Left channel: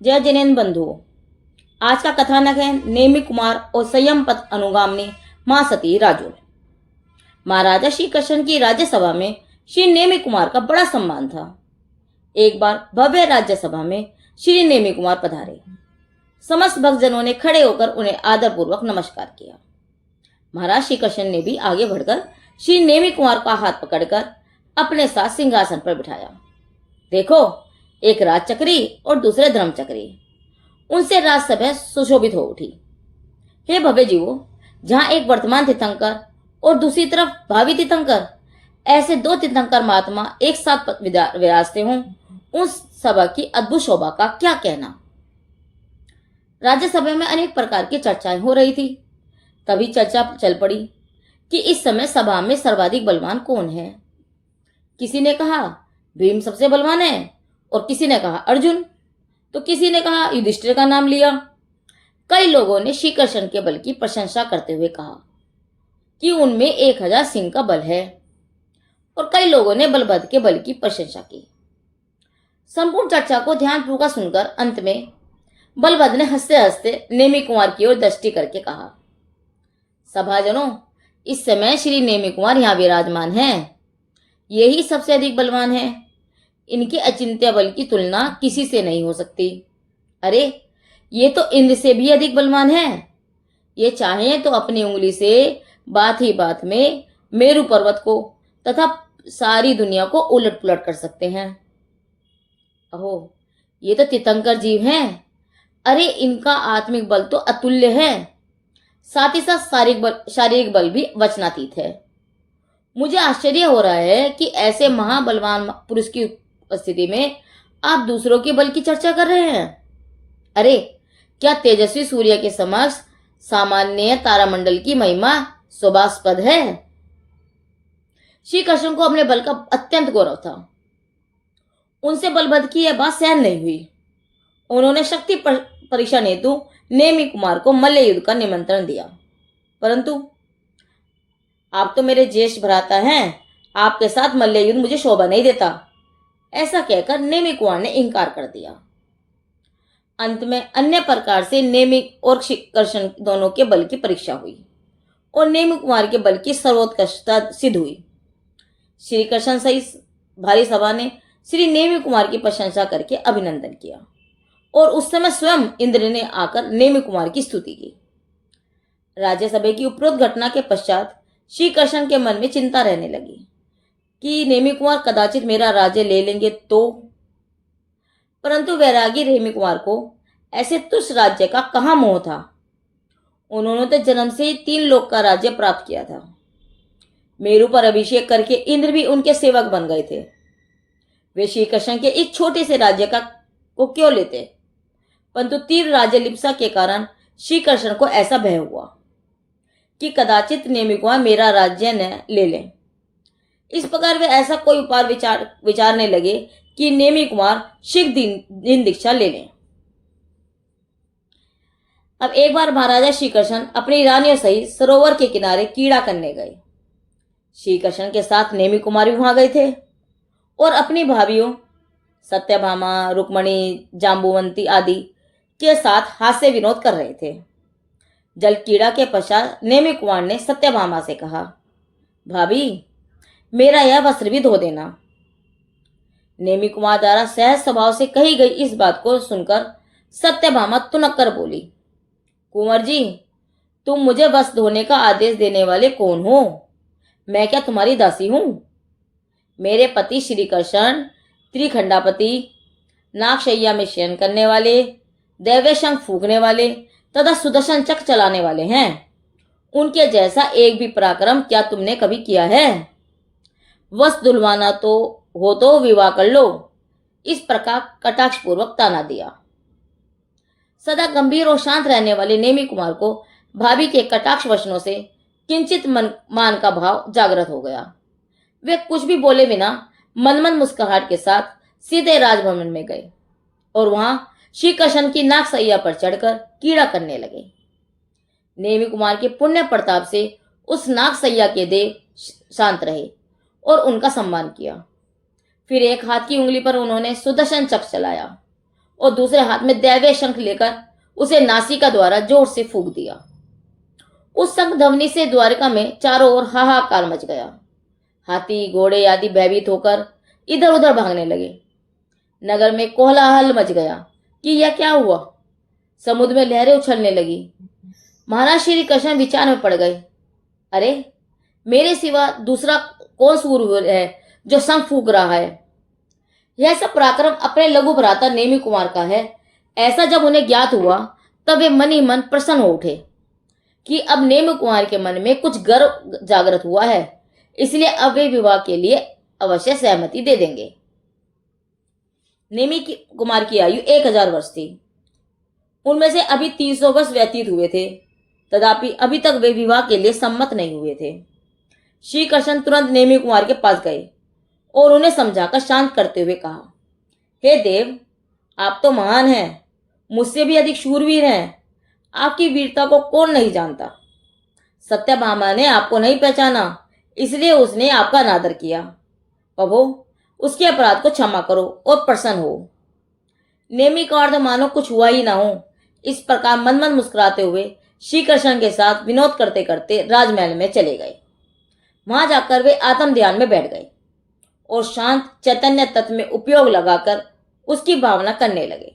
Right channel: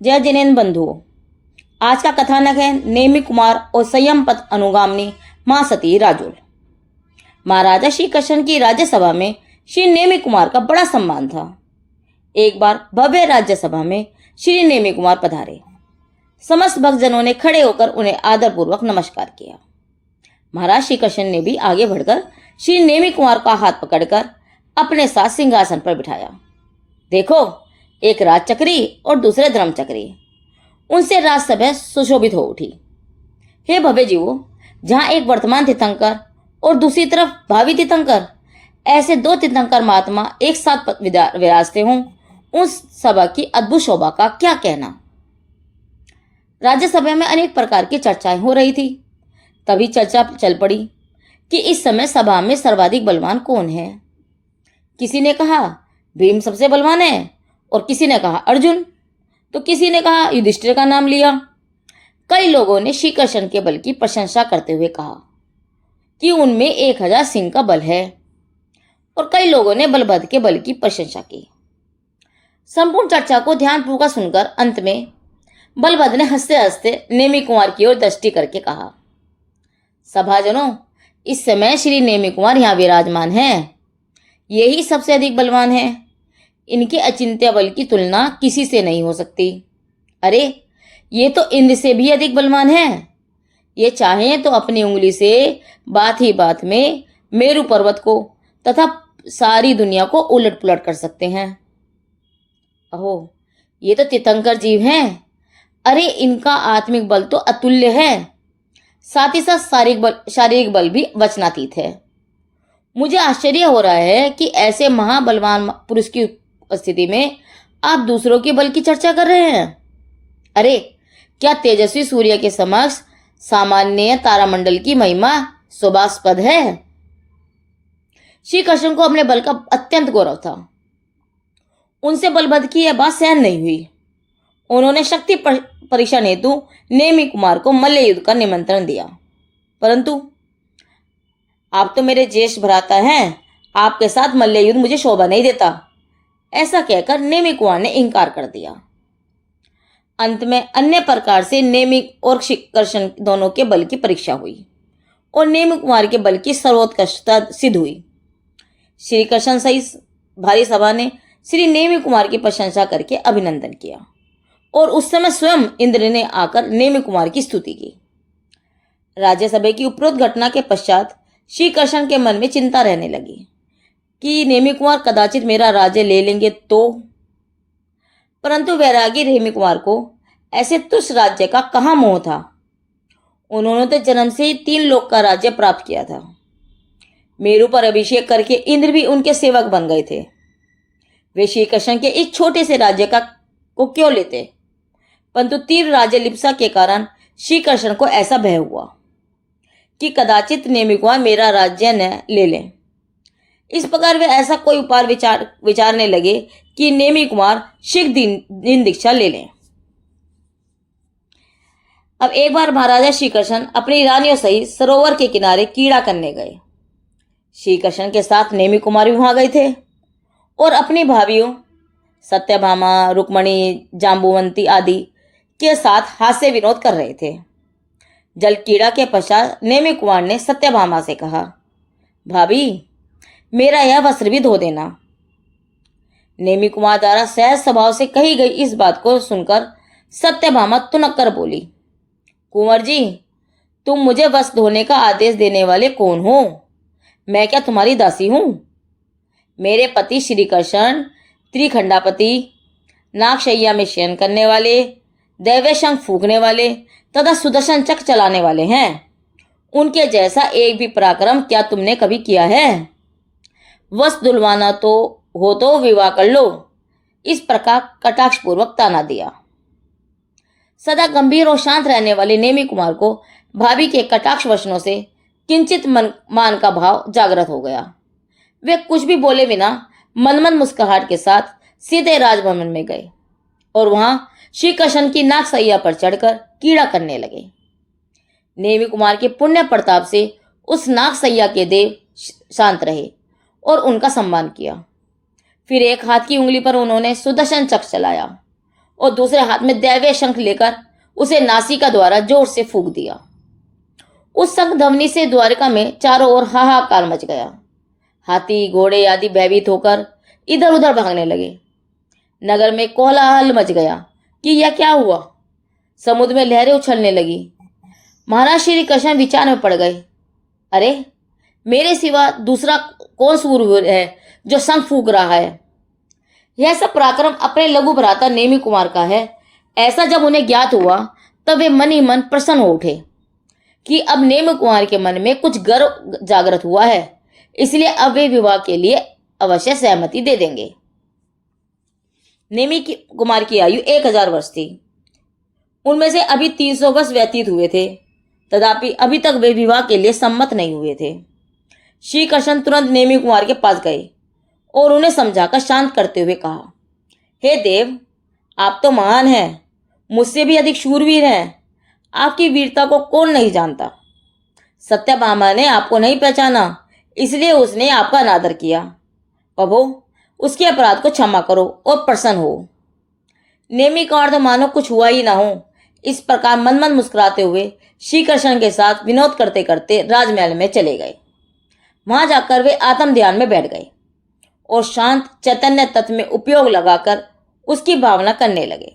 जय जिनेन्द्र बंधुओं, आज का कथानक है नेमि कुमार और संयम पथ अनुगामिनी मां सती राजोल। महाराजा श्री कृष्ण की राज्यसभा में श्री नेमि कुमार का बड़ा सम्मान था। एक बार भव्य राज्यसभा में श्री नेमि कुमार पधारे। समस्त भक्तजनों ने खड़े होकर उन्हें आदरपूर्वक नमस्कार किया। महाराज श्री कृष्ण ने भी आगे बढ़कर श्री नेमि कुमार का हाथ पकड़कर अपने साथ सिंहासन पर बिठाया। देखो, एक राजचक्री और दूसरे धर्मचक्री। उनसे राजसभा सुशोभित हो उठी। हे भव्य जीवो, जहां एक वर्तमान तीर्थंकर और दूसरी तरफ भावी तीर्थंकर, ऐसे दो तीर्थंकर महात्मा एक साथ विराजते हों, उस सभा की अद्भुत शोभा का क्या कहना। राज्यसभा में अनेक प्रकार की चर्चाएं हो रही थी। तभी चर्चा चल पड़ी कि इस समय सभा में सर्वाधिक बलवान कौन है। किसी ने कहा भीम सबसे बलवान है और किसी ने कहा अर्जुन, तो किसी ने कहा युधिष्ठिर का नाम लिया। कई लोगों ने श्री कृष्ण के बल की प्रशंसा करते हुए कहा कि उनमें 1000 सिंह का बल है, और कई लोगों ने बलभद्र के बल की प्रशंसा की। संपूर्ण चर्चा को ध्यानपूर्वक सुनकर अंत में बलभद्र ने हंसते हंसते नेमि कुमार की ओर दृष्टि करके कहा, सभाजनों, इस समय श्री नेमि कुमार यहाँ विराजमान हैं। यही सबसे अधिक बलवान है। इनके अचिंत्य बल की तुलना किसी से नहीं हो सकती। अरे, ये तो इंद्र से भी अधिक बलवान है। ये चाहें तो अपनी उंगली से बात ही बात में मेरु पर्वत को तथा सारी दुनिया को उलट पुलट कर सकते हैं। अहो, ये तो तीर्थंकर जीव हैं। अरे, इनका आत्मिक बल तो अतुल्य है, साथ ही साथ शारीरिक बल भी वचनातीत है। मुझे आश्चर्य हो रहा है कि ऐसे महाबलवान पुरुष की उपस्थिति में आप दूसरों के बल की चर्चा कर रहे हैं। अरे, क्या तेजस्वी सूर्य के समक्ष सामान्य तारामंडल की महिमा शोभास्पद है। श्री कृष्ण को अपने बल का अत्यंत गौरव था। उनसे बलभद्र की यह बात सहन नहीं हुई। उन्होंने शक्ति परीक्षण हेतु नेमि कुमार को मल्ल युद्ध का निमंत्रण दिया, परंतु आप तो मेरे ज्येष्ठ भ्राता हैं, आपके साथ मल्ल युद्ध मुझे शोभा नहीं देता, ऐसा कहकर नेमि कुमार ने इंकार कर दिया। अंत में अन्य प्रकार से नेमि और श्री कृष्ण दोनों के बल की परीक्षा हुई और नेमि कुमार के बल की सर्वोत्कृष्टता सिद्ध हुई। श्री कृष्ण सहित भारी सभा ने श्री नेमि कुमार की प्रशंसा करके अभिनंदन किया, और उस समय स्वयं इंद्र ने आकर नेमि कुमार की स्तुति की। राज्यसभा की उपरोक्त घटना के पश्चात श्री कृष्ण के मन में चिंता रहने लगी कि नेमि कुमार कदाचित मेरा राज्य ले लेंगे तो। परंतु वैरागी नेमि कुमार को ऐसे तुच्छ राज्य का कहाँ मोह था। उन्होंने तो जन्म से ही 3 लोक का राज्य प्राप्त किया था। मेरु पर अभिषेक करके इंद्र भी उनके सेवक बन गए थे। वे श्री कृष्ण के इस छोटे से राज्य को क्यों लेते, परंतु तीव्र राज्य लिप्सा के कारण श्री कृष्ण को ऐसा भय हुआ कि कदाचित नेमि कुमार मेरा राज्य न ले लें। इस प्रकार वे ऐसा कोई उपाय विचारने लगे कि नेमि कुमार शीघ्र दिन दीक्षा ले लें। अब एक बार महाराजा श्री कृष्ण अपनी रानियों सहित सरोवर के किनारे कीड़ा करने गए। श्री कृष्ण के साथ नेमि कुमार भी वहां गए थे और अपनी भाभियों सत्यभामा, रुक्मणी, जाम्बुवंती आदि के साथ हास्य विनोद कर रहे थे। जल कीड़ा के पश्चात नेमि कुमार ने सत्यभामा से कहा, भाभी, मेरा यह वस्त्र भी धो देना। नेमि कुमार द्वारा सहज स्वभाव से कही गई इस बात को सुनकर सत्यभामा तुनक कर बोली, कुंवर जी, तुम मुझे वस्त्र धोने का आदेश देने वाले कौन हो? मैं क्या तुम्हारी दासी हूं? मेरे पति श्री कृष्ण त्रिखंडापति, नागशैया में शयन करने वाले, दैव्य शंख फूंकने वाले तथा सुदर्शन चक्र चलाने वाले हैं। उनके जैसा एक भी पराक्रम क्या तुमने कभी किया है? वस्त्र धुलवाना तो विवाह कर लो। इस प्रकार कटाक्षपूर्वक ताना दिया। सदा गंभीर और शांत रहने वाले नेमि कुमार को भाभी के कटाक्ष वचनों से किंचित मान का भाव जागृत हो गया। वे कुछ भी बोले बिना मनमन मुस्कुराहट के साथ सीधे राजभवन में गए और वहां श्री कृष्ण की नागसैया पर चढ़कर कीड़ा करने लगे। नेमि कुमार के पुण्य प्रताप से उस नागसैया के देव शांत रहे और उनका सम्मान किया। फिर एक हाथ की उंगली पर उन्होंने सुदर्शन चक्र चलाया और दूसरे हाथ में दैवीय शंख लेकर उसे नासिका द्वारा जोर से फूंक दिया। उस शंख ध्वनि से द्वारिका में चारों ओर हाहाकार मच गया। हाथी घोड़े आदि भयभीत होकर इधर उधर भागने लगे। नगर में कोलाहल मच गया कि यह क्या हुआ। समुद्र में लहरें उछलने लगी। महाराज श्री कृष्ण विचार में पड़ गए। अरे, मेरे सिवा दूसरा कौन सूरवीर है जो शंख फूंक रहा है? यह सब पराक्रम अपने लघु भ्राता नेमि कुमार का है। ऐसा जब उन्हें ज्ञात हुआ तब वे मन ही मन प्रसन्न हो उठे कि अब नेमि कुमार के मन में कुछ गर्व जागृत हुआ है, इसलिए अब वे विवाह के लिए अवश्य सहमति दे देंगे। नेमि कुमार की आयु 1000 वर्ष थी। उनमें से अभी 300 वर्ष व्यतीत हुए थे, तथापि अभी तक वे विवाह के लिए सम्मत नहीं हुए थे। श्री कृष्ण तुरंत नेमि कुमार के पास गए और उन्हें समझाकर शांत करते हुए कहा, हे देव, आप तो महान हैं, मुझसे भी अधिक शूरवीर हैं। आपकी वीरता को कौन नहीं जानता। सत्यभामा ने आपको नहीं पहचाना, इसलिए उसने आपका अनादर किया। प्रभु, उसके अपराध को क्षमा करो और प्रसन्न हो। नेमि कुमार तो मानो कुछ हुआ ही ना हो, इस प्रकार मन मन मुस्कुराते हुए श्री कृष्ण के साथ विनोद करते करते राजमहल में चले गए। वहां जाकर वे आत्म ध्यान में बैठ गए और शांत चैतन्य तत्व में उपयोग लगाकर उसकी भावना करने लगे।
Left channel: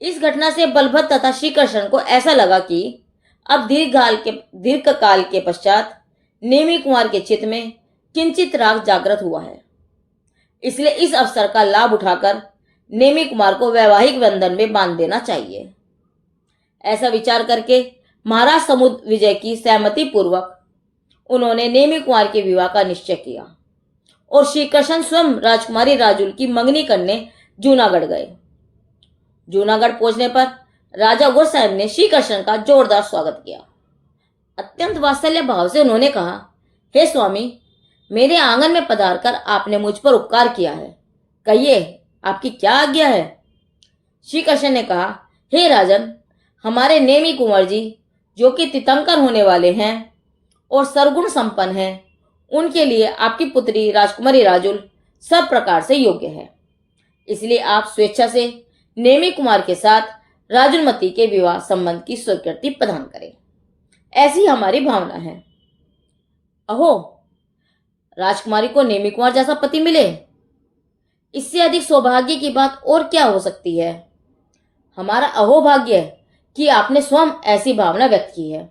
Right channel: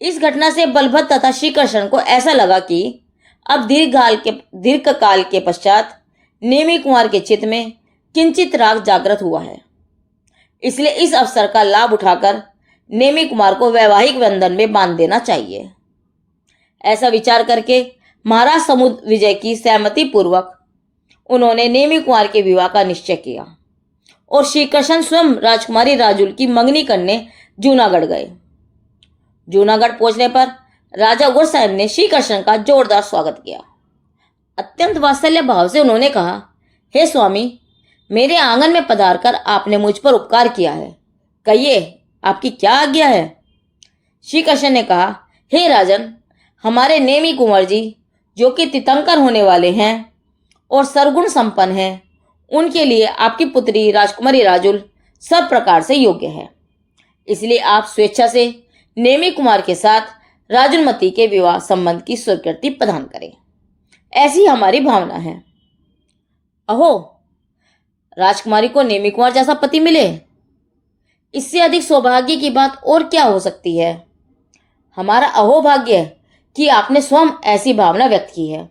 इस घटना से बलभद्र तथा श्री कृष्ण को ऐसा लगा कि अब दीर्घ काल के पश्चात नेमि कुमार के चित्त में किंचित राग जागृत हुआ है, इसलिए इस अवसर का लाभ उठाकर नेमि कुमार को वैवाहिक बंधन में बांध देना चाहिए। ऐसा विचार करके महाराज समुद्र विजय की सहमति पूर्वक उन्होंने नेमि कुमार के विवाह का निश्चय किया और श्री कृष्ण स्वयं राजकुमारी राजुल की मंगनी करने जूनागढ़ गए। जूनागढ़ पहुंचने पर राजा उग्रसेन ने श्री कृष्ण का जोरदार स्वागत किया। अत्यंत वात्सल्य भाव से उन्होंने कहा, हे स्वामी, मेरे आंगन में पधारकर आपने मुझ पर उपकार किया है, कहिए आपकी क्या आज्ञा है? श्री कृष्ण ने कहा, हे राजन, हमारे नेमि कुंवर जी जो कि तीर्थंकर होने वाले हैं और सर्वगुण संपन्न हैं, उनके लिए आपकी पुत्री राजकुमारी राजुल सब प्रकार से योग्य है। इसलिए आप स्वेच्छा से नेमि कुमार के साथ राजुलमती के विवाह संबंध की स्वीकृति प्रदान करें, ऐसी हमारी भावना है। अहो, राजकुमारी को नेमि कुमार जैसा पति मिले, इससे अधिक सौभाग्य की बात और क्या हो सकती है। हमारा अहोभाग्य कि आपने स्वयं ऐसी भावना व्यक्त की है।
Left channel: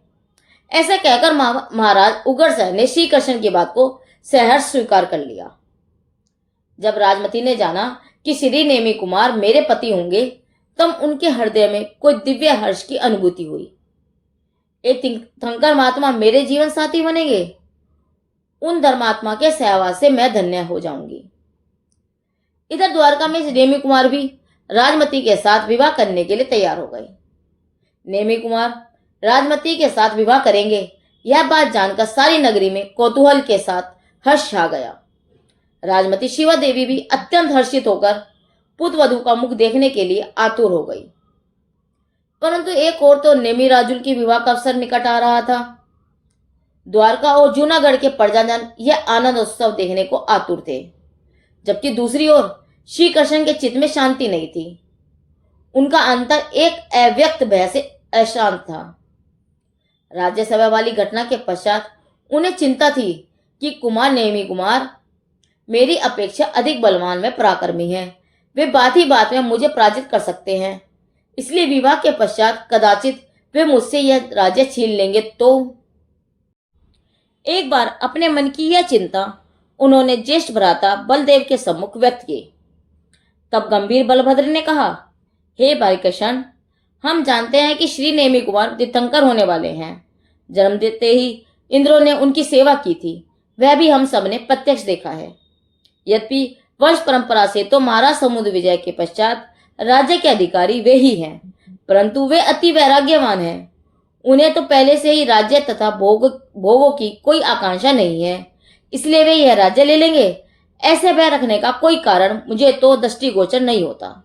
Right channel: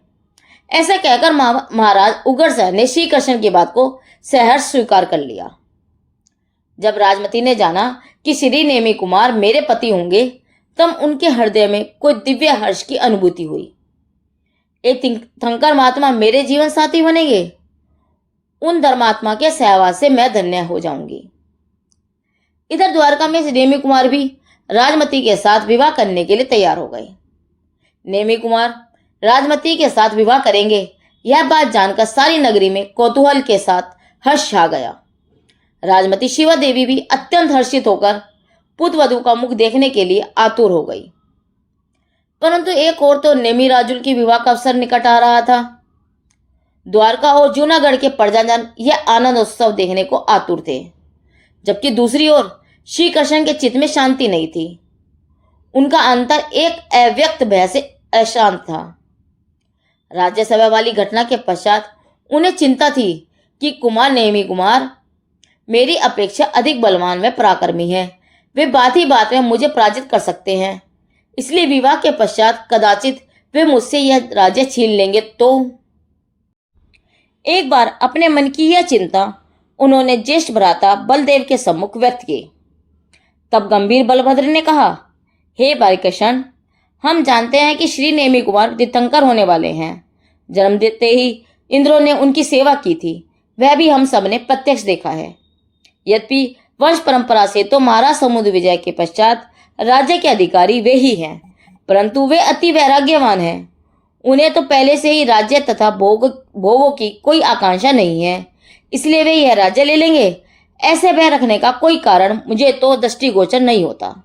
ऐसा कहकर महाराज उग्रसेन ने श्री कृष्ण की बात को सहर्ष स्वीकार कर लिया। जब राजमती ने जाना कि श्री नेमि कुमार मेरे पति होंगे, तब उनके हृदय में कोई दिव्य हर्ष की अनुभूति हुई। एक तीर्थंकर महात्मा मेरे जीवन साथी बनेंगे, उन धर्मात्मा के सहवास से मैं धन्य हो जाऊंगी। इधर द्वारका में नेमि कुमार भी राजमती के साथ विवाह करने के लिए तैयार हो गए। नेमि कुमार राजमती के साथ विवाह करेंगे, यह बात जानकर सारी नगरी में कौतूहल के साथ हर्ष छा गया। राजमती शिवा देवी भी अत्यंत हर्षित होकर पुत्र वधू का मुख देखने के लिए आतुर हो गई। परंतु एक और तो नेमि राजुल की विवाह का अवसर निकट आ रहा था। द्वारका और जूनागढ़ के प्रजाजन यह आनंद उत्सव देखने को आतुर थे, जबकि दूसरी ओर श्री कृष्ण के चित्त में शांति नहीं थी। उनका अंतर एक अव्यक्त भय से अशांत था। राज्यसभा वाली घटना के पश्चात उन्हें चिंता थी कि कुमार नेमि कुमार मेरी अपेक्षा अधिक बलवान व पराक्रमी है, वे बात ही बात में मुझे पराजित कर सकते हैं, इसलिए विवाह के पश्चात कदाचित वे मुझसे यह राज्य छीन लेंगे। तो एक बार अपने मन की यह चिंता उन्होंने ज्येष्ठ भ्राता बलदेव के सम्मुख व्यक्त की। तब गंभीर बलभद्र ने कहा, हे भाई कृष्ण, हम जानते हैं कि श्री नेमि कुमार तीर्थंकर होने वाले हैं। जन्म देते ही इंद्रों ने उनकी सेवा की थी, वह भी हम सब ने प्रत्यक्ष देखा है। यद्यपि वंश परंपरा से तो महाराज समुद्र विजय के पश्चात राज्य के अधिकारी वे ही हैं, परंतु वे अति वैराग्यवान हैं। उन्हें तो पहले से ही राज्य तथा भोगों की कोई आकांक्षा नहीं है, इसलिए वे यह राज्य ले लेंगे, ऐसे भय रखने का कोई कारण मुझे तो दृष्टिगोचर नहीं होता।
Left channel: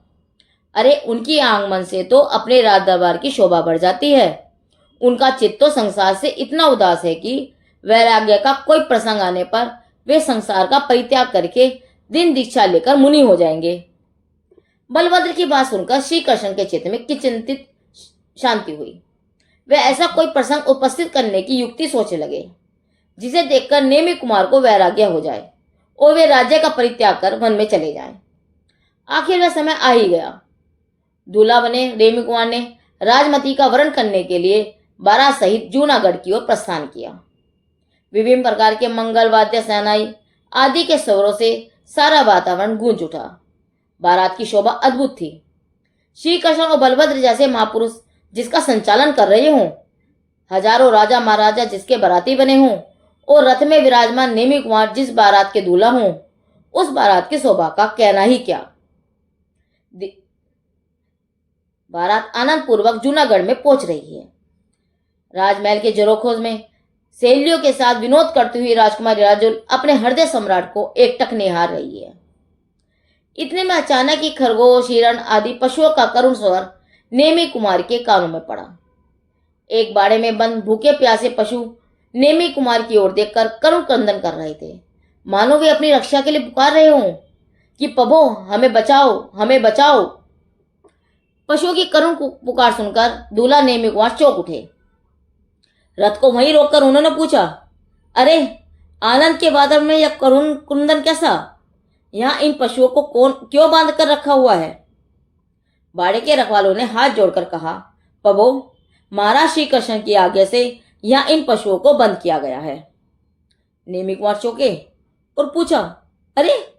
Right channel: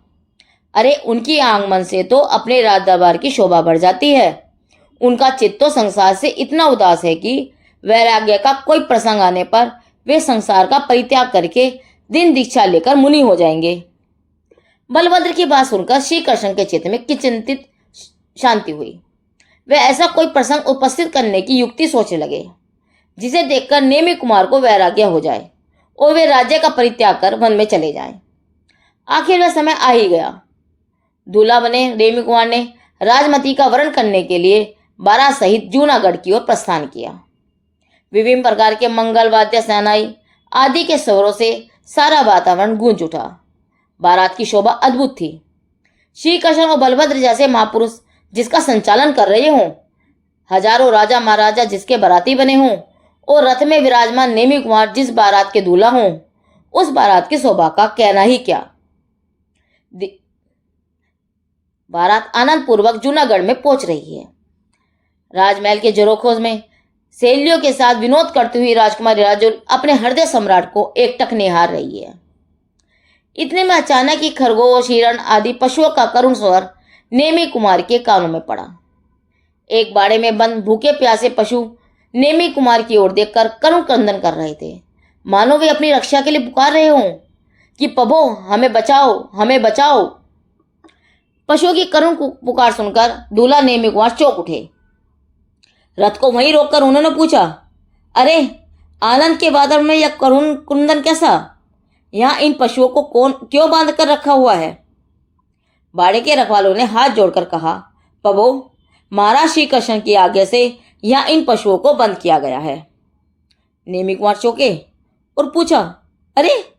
अरे, उनकी आगमन से तो अपने राज दरबार की शोभा बढ़ जाती है। उनका चित्त तो संसार से इतना उदास है कि वैराग्य का कोई प्रसंग आने पर वे संसार का परित्याग करके दिन दीक्षा लेकर मुनि हो जाएंगे। बलभद्र की बात सुनकर श्री कृष्ण के चित्त में किंचित शांति हुई। वे ऐसा कोई प्रसंग उपस्थित करने की युक्ति सोचने लगे जिसे देखकर नेमि कुमार को वैराग्य हो जाए और वे राज्य का परित्याग कर वन में चले जाएं। आखिर वह समय आ ही गया। दूल्हा बने नेमि कुमार ने राजमती का वरण करने के लिए बारात सहित जूनागढ़ की ओर प्रस्थान किया। विभिन्न प्रकार के मंगल वाद्य, सेनाई आदि के स्वरों से सारा वातावरण गूंज उठा। बारात की शोभा अद्भुत थी। श्री कृष्ण और बलभद्र जैसे महापुरुष जिसका संचालन कर रहे हों, हजारों राजा महाराजा जिसके बाराती बने हों और रथ में विराजमान नेमि कुमार जिस बारात के दूल्हा हों, उस बारात की शोभा का कहना ही क्या। बारात आनंद पूर्वक जूनागढ़ में पहुंच रही है। राजमहल के जरोखोज में सहेलियों के साथ विनोद करती हुई राजकुमारी राजुल अपने हृदय सम्राट को एकटक निहार रही है। इतने में अचानक ही खरगोश, हिरण आदि पशुओं का करुण स्वर नेमि कुमार के कानों में पड़ा। एक बाड़े में बंद भूखे प्यासे पशु नेमि कुमार की ओर देखकर करुण क्रंदन कर रहे थे, मानो वे अपनी रक्षा के लिए पुकार रहे हों कि प्रभो हमें बचाओ, हमें बचाओ। पशुओं की करुण पुकार सुनकर दूल्हा नेमि कुमार चौंक उठे। रथ को वहीं रोककर उन्होंने पूछा, अरे आनंद के बादल में यह करुण क्रंदन कैसा? यहाँ इन पशुओं को कौन क्यों बांध कर रखा हुआ है? बाड़े के रखवालों ने हाथ जोड़कर कहा, प्रभु महाराज श्री कृष्ण की आज्ञा से यहाँ इन पशुओं को बंद किया गया है। नेमि कुमार चौंके और पूछा, अरे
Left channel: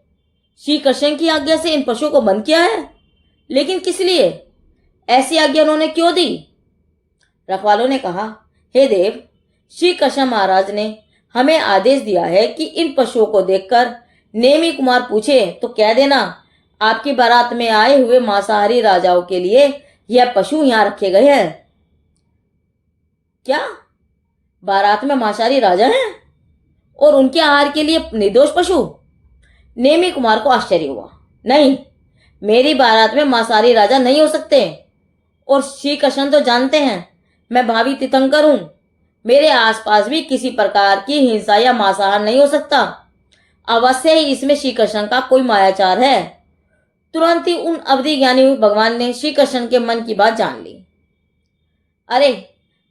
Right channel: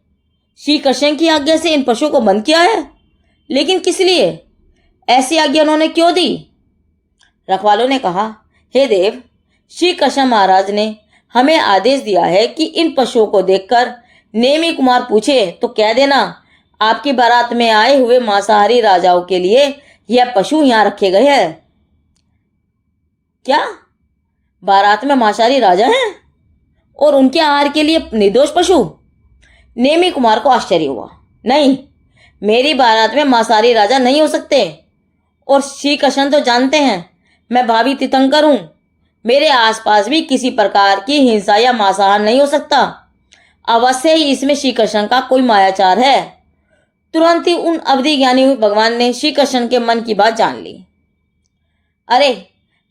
श्री कृष्ण की आज्ञा से इन पशुओं को बंद किया है? लेकिन किस लिए? ऐसी आज्ञा उन्होंने क्यों दी? रखवालों ने कहा, हे देव, श्री कृष्ण महाराज ने हमें आदेश दिया है कि इन पशुओं को देखकर नेमि कुमार पूछे तो कह देना आपकी बारात में आए हुए मांसाहारी राजाओं के लिए यह पशु यहाँ रखे गए हैं। क्या बारात में मांसाहारी राजा हैं और उनके आहार के लिए निर्दोष पशु? नेमि कुमार को आश्चर्य हुआ। नहीं, मेरी बारात में मांसाहारी राजा नहीं हो सकते। और श्री कृष्ण तो जानते हैं मैं भावी तीर्थंकर हूं। मेरे आसपास भी किसी प्रकार की हिंसा या मांसाहार नहीं हो सकता। अवश्य ही इसमें श्री कृष्ण का कोई मायाचार है। तुरंत ही उन अवधि ज्ञानी भगवान ने श्री कृष्ण के मन की बात जान ली। अरे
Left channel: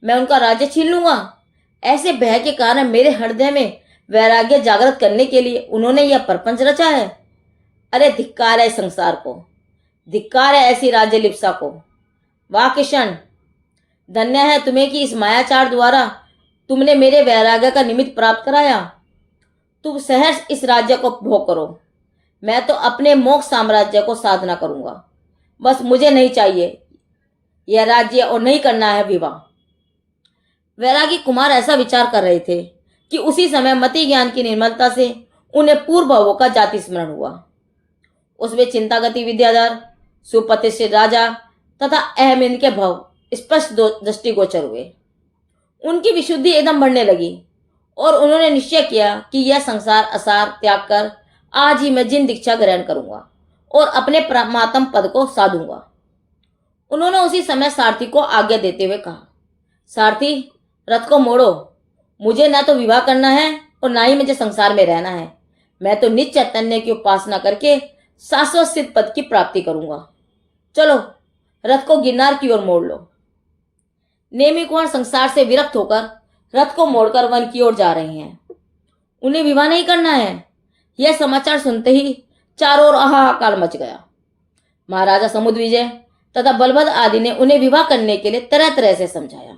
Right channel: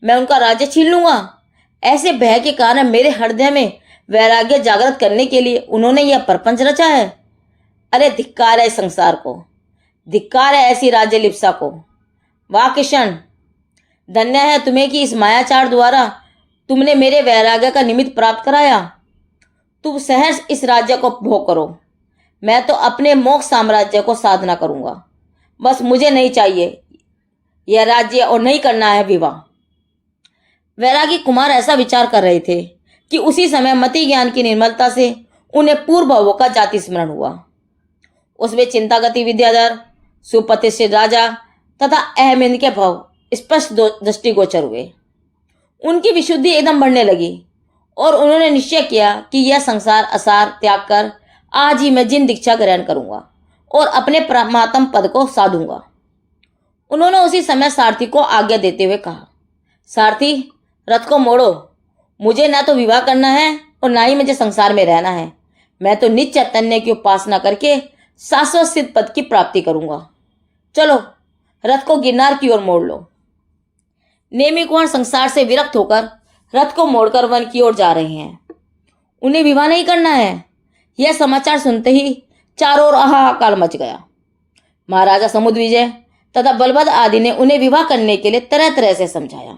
मैं उनका राज्य छीन लूंगा, ऐसे भय के कारण मेरे हृदय में वैराग्य जागृत करने के लिए उन्होंने यह प्रपंच रचा है। अरे धिक्कार है संसार को, धिक्कार है ऐसी राज्य लिप्सा को। वाह कृष्ण, धन्य है तुम्हें कि इस मायाचार द्वारा तुमने मेरे वैराग्य का निमित्त प्राप्त कराया। तुम सहर्ष इस राज्य को भोग करो, मैं तो अपने मोक्ष साम्राज्य को साधना करूंगा। बस मुझे नहीं चाहिए यह राज्य और नहीं करना है विवाह। वैरागी कुमार ऐसा विचार कर रहे थे कि उसी समय मति ज्ञान की निर्मलता से उन्हें पूर्व भावों का जाति स्मरण हुआ। उसमें चिंतागति विद्याधर, सुप्रतिष्ठित राजा तथा अहमिंद के भाव स्पष्ट दृष्टिगोचर हुए। उनकी विशुद्धि एकदम बढ़ने लगी और उन्होंने निश्चय किया कि यह संसार असार त्याग कर आज ही मैं जिन दीक्षा ग्रहण करूंगा और अपने परमात्म पद को साधूंगा। उन्होंने उसी समय सारथी को आज्ञा देते हुए कहा, सारथी रथ को मोड़ो, मुझे ना तो विवाह करना है और ना ही मुझे संसार में रहना है। मैं तो नित्य चैतन्य की उपासना करके शाश्वत सिद्ध पद की प्राप्ति करूंगा। चलो रथ को गिरनार की ओर मोड़ लो। नेमि कुमार संसार से विरक्त होकर रथ को मोड़कर वन की ओर जा रहे हैं। उन्हें विवाह नहीं करना है। यह समाचार सुनते ही चारों ओर हाहाकार मच गया। महाराजा समुद्र विजय तथा बलभद्र आदि ने उन्हें विवाह करने के लिए तरह तरह से समझाया,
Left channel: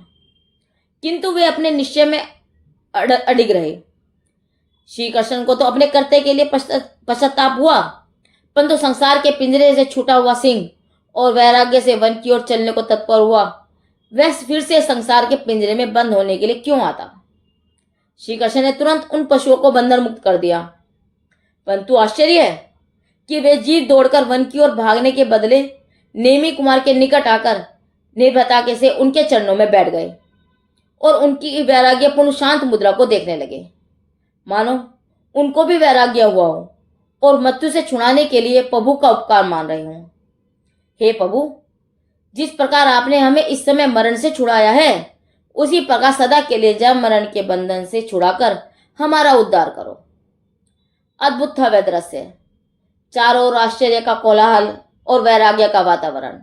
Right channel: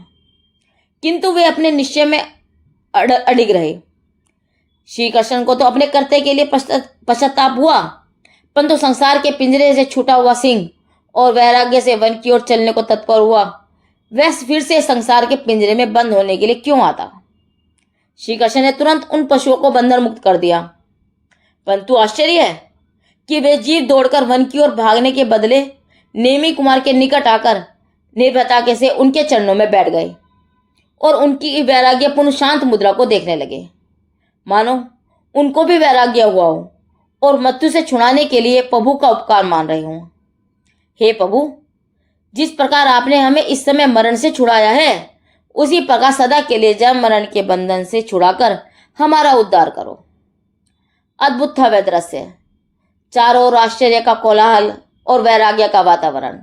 किंतु वे अपने निश्चय में अडिग रहे। श्री कृष्ण को तो अपने कर्तव्य के लिए पश्चाताप हुआ, परंतु संसार के पिंजरे से छूटा हुआ सिंह और वैराग्य से वन की ओर चलने को तत्पर हुआ, वह फिर से संसार के पिंजरे में बंद होने के लिए क्यों आता? श्री कृष्ण ने तुरंत उन पशुओं को बंधन मुक्त कर दिया, परंतु आश्चर्य है कि वे जीव दौड़कर वन की ओर भागने के बदले नेमि कुमार के निकट आकर निर्भयता से उनके चरणों में बैठ गए और उनकी वैराग्यपूर्ण शांत मुद्रा को देखने लगे, मानो उनको भी वैराग्य हुआ हो और मृत्यु से छुड़ाने के लिए प्रभु का उपकार मान रहे हों। हे प्रभु, जिस प्रकार आपने हमें इस समय मरण से छुड़ाया है, उसी प्रकार सदा के लिए जन्म मरण के बंधन से छुड़ाकर हमारा उद्धार करो। अद्भुत था वह दृश्य। चारों ओर आश्चर्य का कोलाहल और वैराग्य का वातावरण।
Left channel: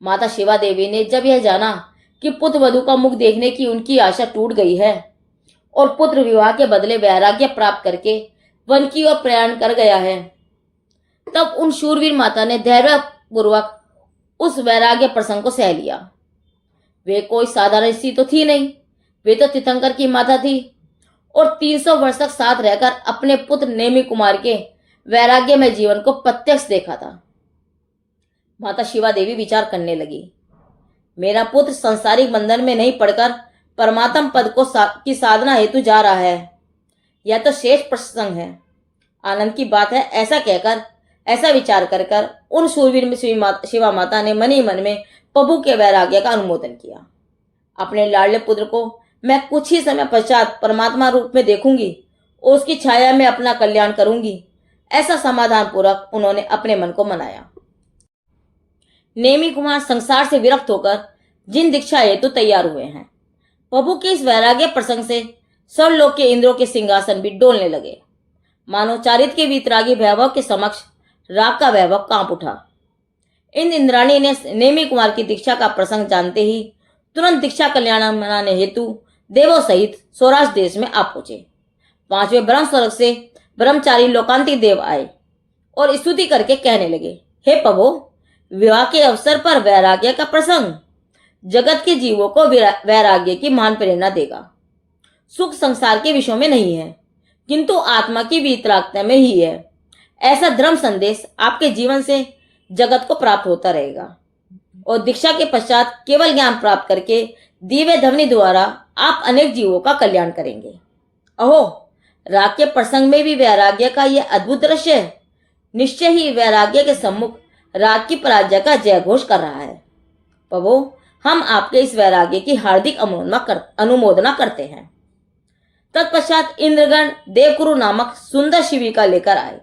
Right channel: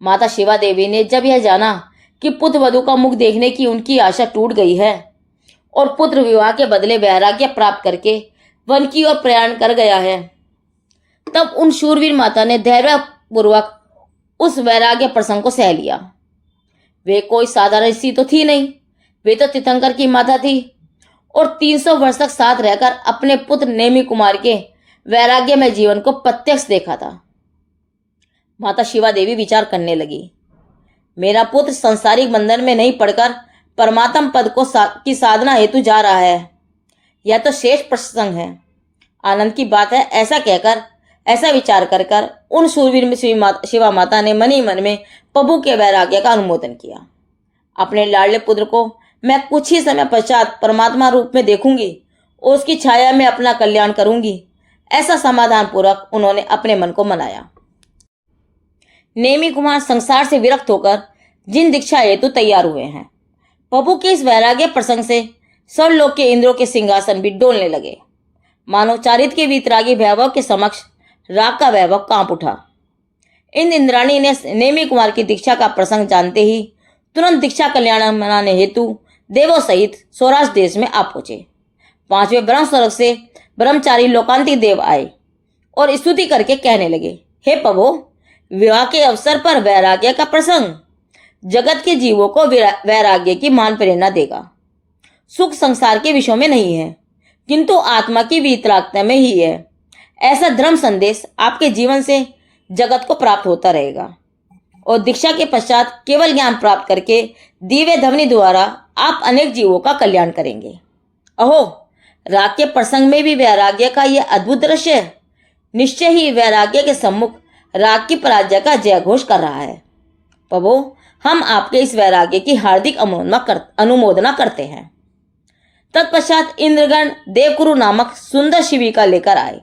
माता शिवा देवी ने जब यह जाना कि पुत्र वधू का मुख देखने की उनकी आशा टूट गई है और पुत्र विवाह के बदले वैराग्य प्राप्त करके वन की ओर प्रयाण कर गया है, तब उन शूरवीर माता ने धैर्यपूर्वक उस वैराग्य प्रसंग को सह लिया। वे कोई साधारण स्त्री तो थी नहीं, वे तो तीर्थंकर की माता थी और 300 वर्ष तक साथ रहकर अपने पुत्र नेमि कुमार के वैराग्य में जीवन को प्रत्यक्ष देखा था। माता शिवा देवी विचार करने लगी, मेरा पुत्र संसारिक बंधन में नहीं पड़कर परमात्म पद को की साधना हेतु जा रहा है। यह तो श्रेष्ठ प्रसंग है, आनंद की बात है। ऐसा कहकर, ऐसा विचार कर कर उन शूरवीर में शिवा माता ने मन ही मन में प्रभु के वैराग्य का अनुमोदन किया। अपने लाडले पुत्र को मैं कुछ ही समय पश्चात परमात्मा रूप में देखूंगी और उसकी छाया में अपना कल्याण करूंगी, ऐसा समाधान पूर्वक उन्होंने अपने मन को मनाया। नेमि कुमार संसार से विरक्त होकर जिन दीक्षा हेतु तैयार हुए हैं, प्रभु के इस वैराग्य प्रसंग से सब लोग के इंद्रों के सिंहासन भी डोलने लगे। मानव चारित्र के वीतरागी वैभव के समक्ष राग का वैभव कांप उठा। इन इंद्राणी ने नेमि कुमार की दीक्षा का प्रसंग जानते ही तुरंत दीक्षा कल्याण मनाने हेतु देवों सहित सौराष्ट्र देश में आ पहुंचे। 5वें ब्रह्म स्वर्ग से ब्रह्मचारी लोकांतिक देव आए और स्तुति करके कहने लगे, हे प्रभु, विवाह के अवसर पर वैराग्य का प्रसंग जगत के जीवों को वैराग्य की महान प्रेरणा देगा। सुख संसार के विषयों में नहीं है, किंतु आत्मा की वीतरागता में ही है। ऐसा धर्म संदेश आपके जीवन से जगत को प्राप्त होता रहेगा और दीक्षा के पश्चात केवल ज्ञान प्राप्त करके दिव्य ध्वनि द्वारा आप अनेक जीवों का कल्याण करेंगे। अहो, राग के प्रसंग में भी वैराग्य का यह अद्भुत दृश्य है। निश्चय ही वैराग्य के सम्मुख राग की पराजय का जय घोष कर रहा है। प्रभु, हम आपके इस वैराग्य की हार्दिक अनुमोदना करते हैं। तत्पश्चात इंद्रगण देवकुरु नामक सुंदर शिविका लेकर आए।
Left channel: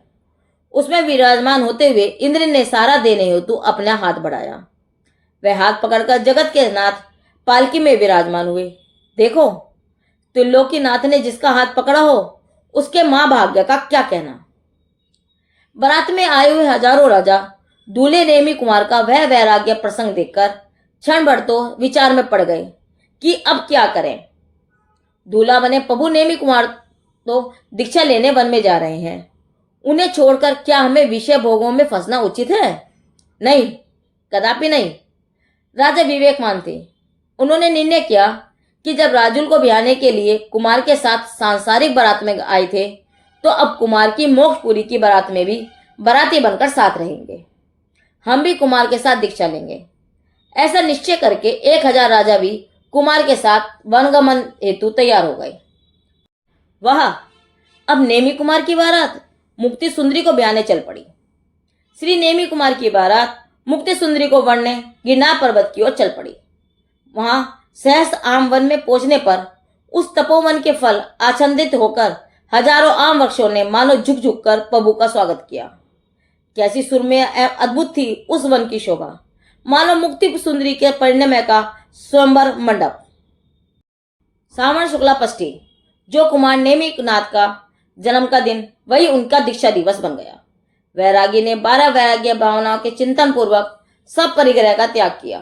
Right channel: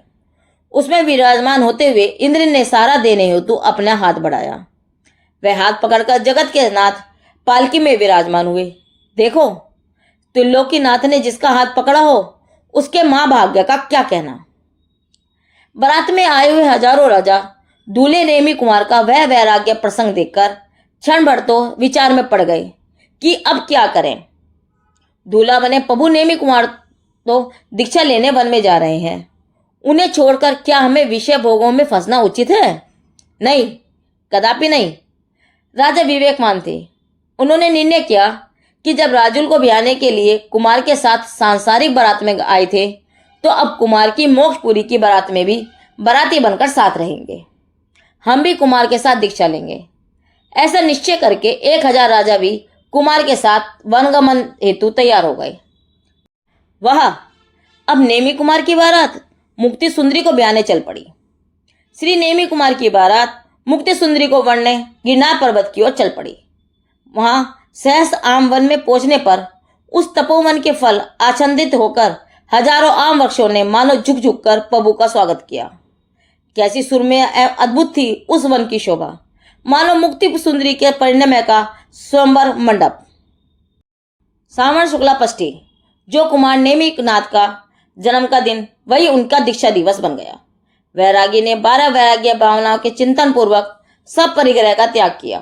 उसमें विराजमान होते हुए इंद्र ने सहारा देने हेतु अपना हाथ बढ़ाया। वह हाथ पकड़कर जगत के नाथ पालकी में विराजमान हुए। देखो, त्रिलोकीनाथ ने जिसका हाथ पकड़ा हो उसके महाभाग्य का क्या कहना। बारात में आए हुए हजारों राजा दूल्हे नेमि कुमार का वह वैराग्य प्रसंग देखकर क्षण भर तो विचार में पड़ गए कि अब क्या करें। दूल्हा बने प्रभु नेमि कुमार तो दीक्षा लेने वन में जा रहे हैं, उन्हें छोड़कर क्या हमें विषय भोगों में फंसना उचित है? नहीं, कदापि नहीं। राजा विवेकवान थे। उन्होंने निर्णय किया कि जब राजुल को ब्याहने के लिए कुमार के साथ सांसारिक बारात में आए थे, तो अब कुमार की मोक्षपुरी की बारात में भी बाराती बनकर साथ रहेंगे। हम भी कुमार के साथ दीक्षा लेंगे। ऐसा निश्चय करके 1000 राजा भी कुमार के साथ वनगमन हेतु तैयार हो गए। वह अब नेमि कुमार की बारात मुक्ति सुंदरी को ब्याहने चल पड़ी। श्री नेमि कुमार की बारात मुक्ति सुंदरी को वरने गिरनार पर्वत की ओर चल पड़ी। वहां सहस आम वन में पहुंचने पर उस तपोवन के फल आच्छादित होकर हजारों आम वृक्षों ने मानो झुक झुक कर प्रभु का स्वागत किया। कैसी सुरम्य एवं अद्भुत थी उस वन की शोभा, मानो मुक्ति सुंदरी के परिणय का स्वयंवर मंडप। श्रावण शुक्ला पष्ठी, जो कुमार नेमि नाथ का जन्म का दिन, वही उनका दीक्षा दिवस बन गया। वैरागी ने 12 वैराग्य भावनाओं के चिंतन पूर्वक सब परिग्रह का त्याग किया।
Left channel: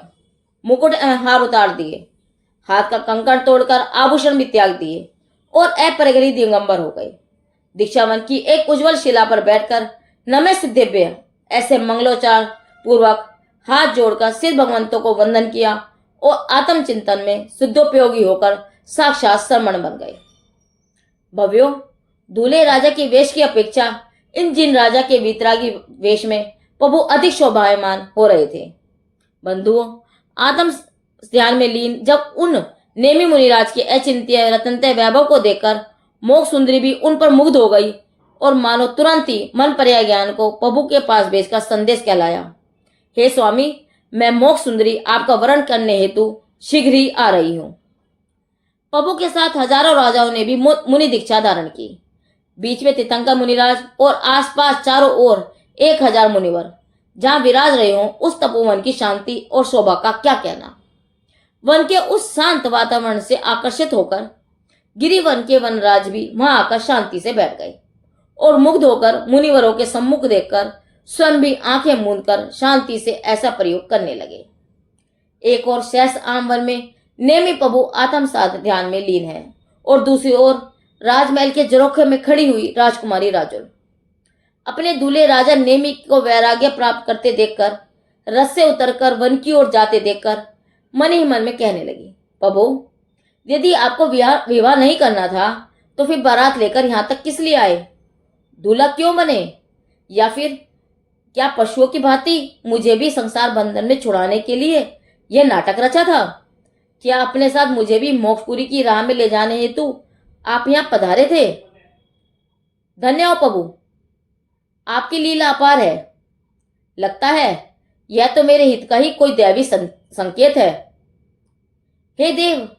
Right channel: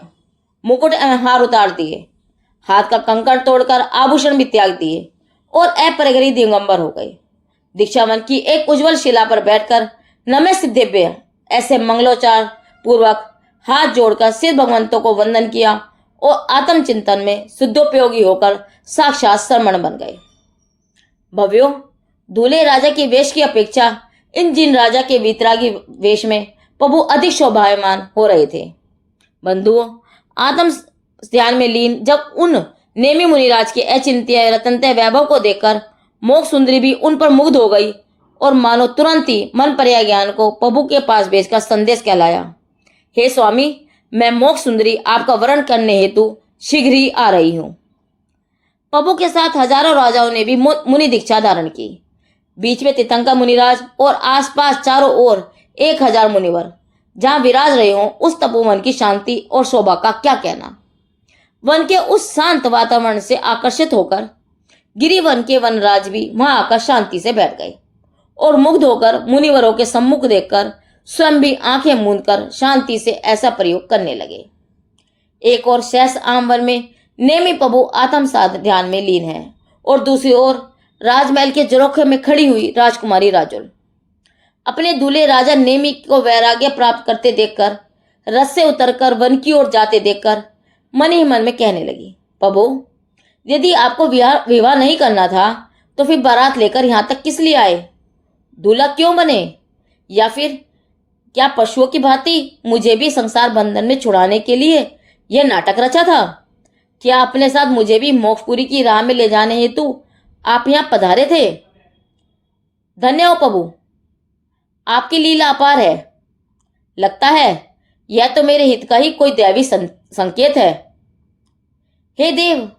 मुकुट एवं हार उतार दिए, हाथ का कंकण तोड़कर आभूषण भी त्याग दिए और अपरिग्रही दिगंबर हो गए। दीक्षावन की एक उज्जवल शिला पर बैठकर नमः सिद्धेभ्य ऐसे मंगलोच्चार पूर्वक हाथ जोड़कर सिद्ध भगवंतों को वंदन किया और आत्मचिंतन में शुद्धोपयोगी होकर साक्षात श्रमण बन गए। भव्यो, दूल्हे राजा के वेश की अपेक्षा इन जिन राजा के वीतरागी वेश में प्रभु अधिक शोभायमान हो रहे थे। बंधुओं, आत्म ध्यान में लीन जब उन नेमि मुनिराज के अचिंत्य रतनतय वैभव को देखकर मोक्ष सुंदरी भी उन पर मुग्ध हो गई और मानो तुरंत ही मन पर्याय ज्ञान को प्रभु के पास भेजकर संदेश कहलाया, हे स्वामी, मैं मोक्ष सुंदरी आपका वरण करने हेतु शीघ्र ही आ रही हूं। प्रभु के साथ हजारों राजाओं ने भी मुनि दीक्षा धारण की। बीच में तीर्थंकर मुनिराज और आसपास चारों ओर 1000 मुनिवर जहां विराज रहे हों, उस तपोवन की शांति और शोभा का क्या कहना। वन के उस शांत वातावरण से आकर्षित होकर गिरिवन के वनराज भी वहां आकर शांति से बैठ गए और मुग्ध होकर मुनिवरों के सम्मुख देखकर स्वयं भी आंखें मूंद कर शांति से ऐसा प्रयोग करने लगे। एक और शेष आंबर में नेमी प्रभु आत्म साध ध्यान में लीन है और दूसरी ओर राजमहल के झरोखे में खड़ी हुई राजकुमारी राजुल अपने दूल्हे राजा नेमी को वैराग्य प्राप्त करते देखकर, रथ से उतरकर वन की ओर जाते देखकर मन ही मन में कहने लगी, प्रभु, यदि आपको विवाह नहीं करना था तो फिर बारात लेकर यहां तक किस लिए आए? दूल्हा क्यों बने? या फिर क्या पशुओं की भांति मुझे भी संसार बंधन में छुड़ाने के लिए यह नाटक रचा था? क्या अपने साथ मुझे भी मोक्षपुरी की राह में ले जाने हेतु आप यहां पधारे थे? धन्य हो प्रभु, आपकी लीला अपार है। लगता है यह तो मेरे हित का ही कोई दैवी संकेत है। हे देव,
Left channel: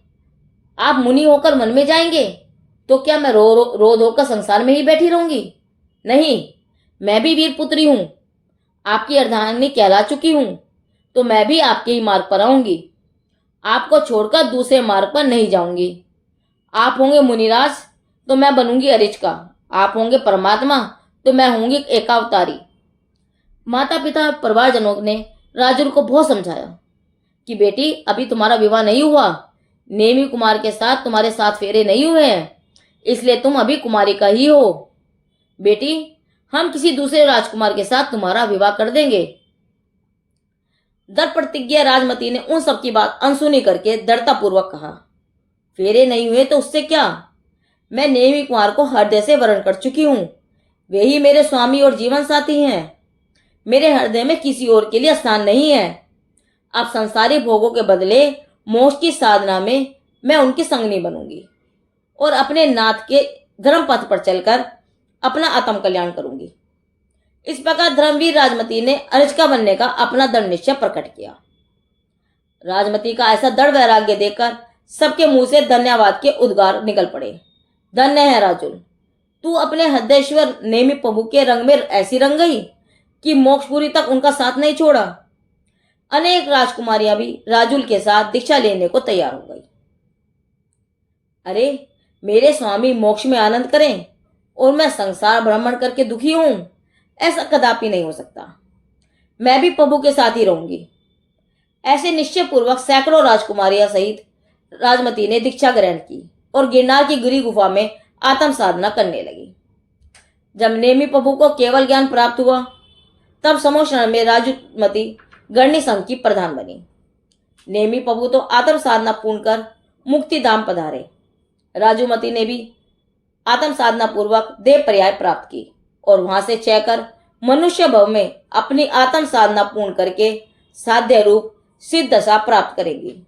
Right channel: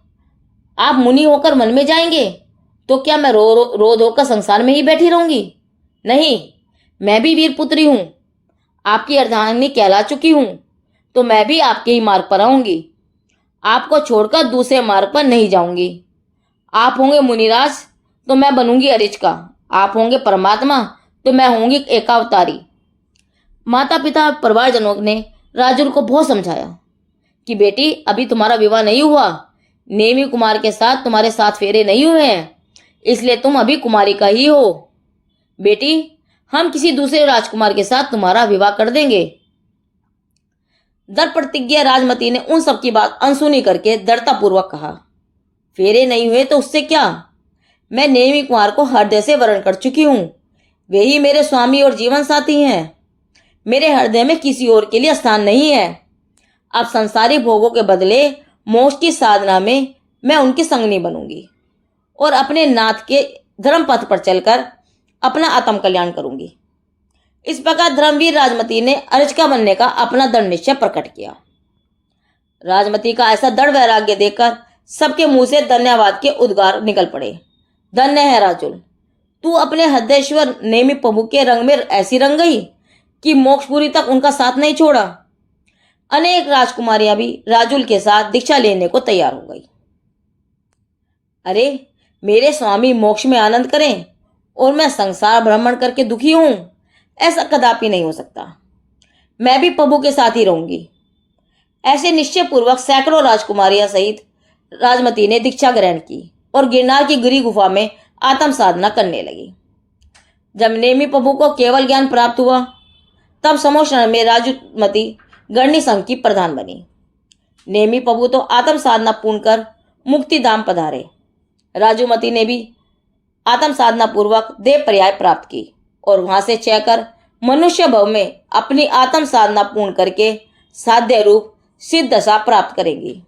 आप मुनि होकर मन में जाएंगे तो क्या मैं रो धोकर संसार में ही बैठी रहूंगी? नहीं, मैं भी वीर पुत्री हूं, आपकी अर्धांगिनी कहला चुकी हूं, तो मैं भी आपके ही मार्ग पर आऊंगी। आपको छोड़कर दूसरे मार्ग पर नहीं जाऊंगी। आप होंगे मुनिराज तो मैं बनूंगी अरिचका, आप होंगे परमात्मा तो मैं होंगी एकावतारी। माता पिता परिवारजनों ने राजुल को बहुत समझाया कि बेटी, अभी तुम्हारा विवाह नहीं हुआ, नेमी कुमार के साथ तुम्हारे 7 फेरे नहीं हुए हैं, इसलिए तुम अभी कुमारी का ही हो। बेटी, हम किसी दूसरे राजकुमार के साथ तुम्हारा विवाह कर देंगे। दृढ़ प्रतिज्ञा राजमती ने उन सब की बात अनसुनी करके दृढ़तापूर्वक कहा, फेरे नहीं हुए तो उससे क्या, मैं नेमी कुमार को हृदय से वर्ण कर चुकी हूं, वे ही मेरे स्वामी और जीवन साथी हैं। मेरे हृदय में किसी और के लिए स्थान नहीं है। अब संसारी भोगों के बदले मोक्ष की साधना में मैं उनकी संगनी बनूंगी और अपने नाथ के धर्म पथ पर चलकर अपना आत्म कल्याण करूंगी। इस प्रकार धर्मवीर राजमती ने अर्चका बनने का अपना दृढ़ निश्चय प्रकट किया। राजमती का ऐसा दृढ़ वैराग्य देखकर सबके मुंह से धन्यवाद के उद्गार निकल पड़े। धन्य है राजुल, तू अपने हृदयेश्वर नेमी प्रभु के रंग में ऐसी रंग गई कि मोक्षपुरी तक उनका साथ नहीं छोड़ा। अनेक राजकुमारियां भी राजुल के साथ दीक्षा लेने को तैयार हो गई। अरे, मेरे स्वामी मोक्ष में आनंद करें और मैं संसार भ्रमण करके दुखी हूं, ऐसा कदापि नहीं हो सकता। मैं भी प्रभु के साथ ही रहूंगी। ऐसे निश्चय पूर्वक सैकड़ों राजकुमारियां सहित राजमती ने दीक्षा ग्रहण की और गिरनार की गिरी गुफा में आत्म साधना करने लगी। जब नेमी प्रभु को केवल ज्ञान प्राप्त हुआ तब समोक्षण में राजमती गणनी संघ की प्रधान बनी। नेमी प्रभु तो आत्म साधना पूर्ण कर मुक्ति धाम पधारे। राजूमती ने भी आत्म साधना पूर्वक देव पर्याय प्राप्त की और वहां से चयकर मनुष्य भव में अपनी आत्म साधना पूर्ण करके साध्य रूप सिद्ध दशा प्राप्त करेंगी।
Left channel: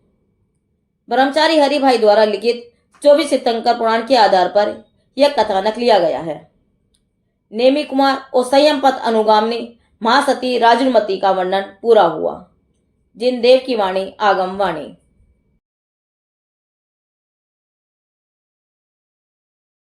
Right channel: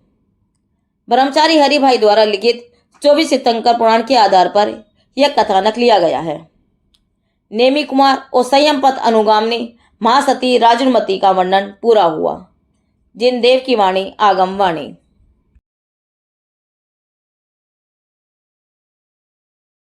ब्रह्मचारी हरिभाई द्वारा लिखित 24 तीर्थंकर पुराण के आधार पर यह कथानक लिया गया है। नेमी कुमार और संयम पथ अनुगामिनी महासती राजुलमती का वर्णन पूरा हुआ। जिन देव की वाणी आगम वाणी।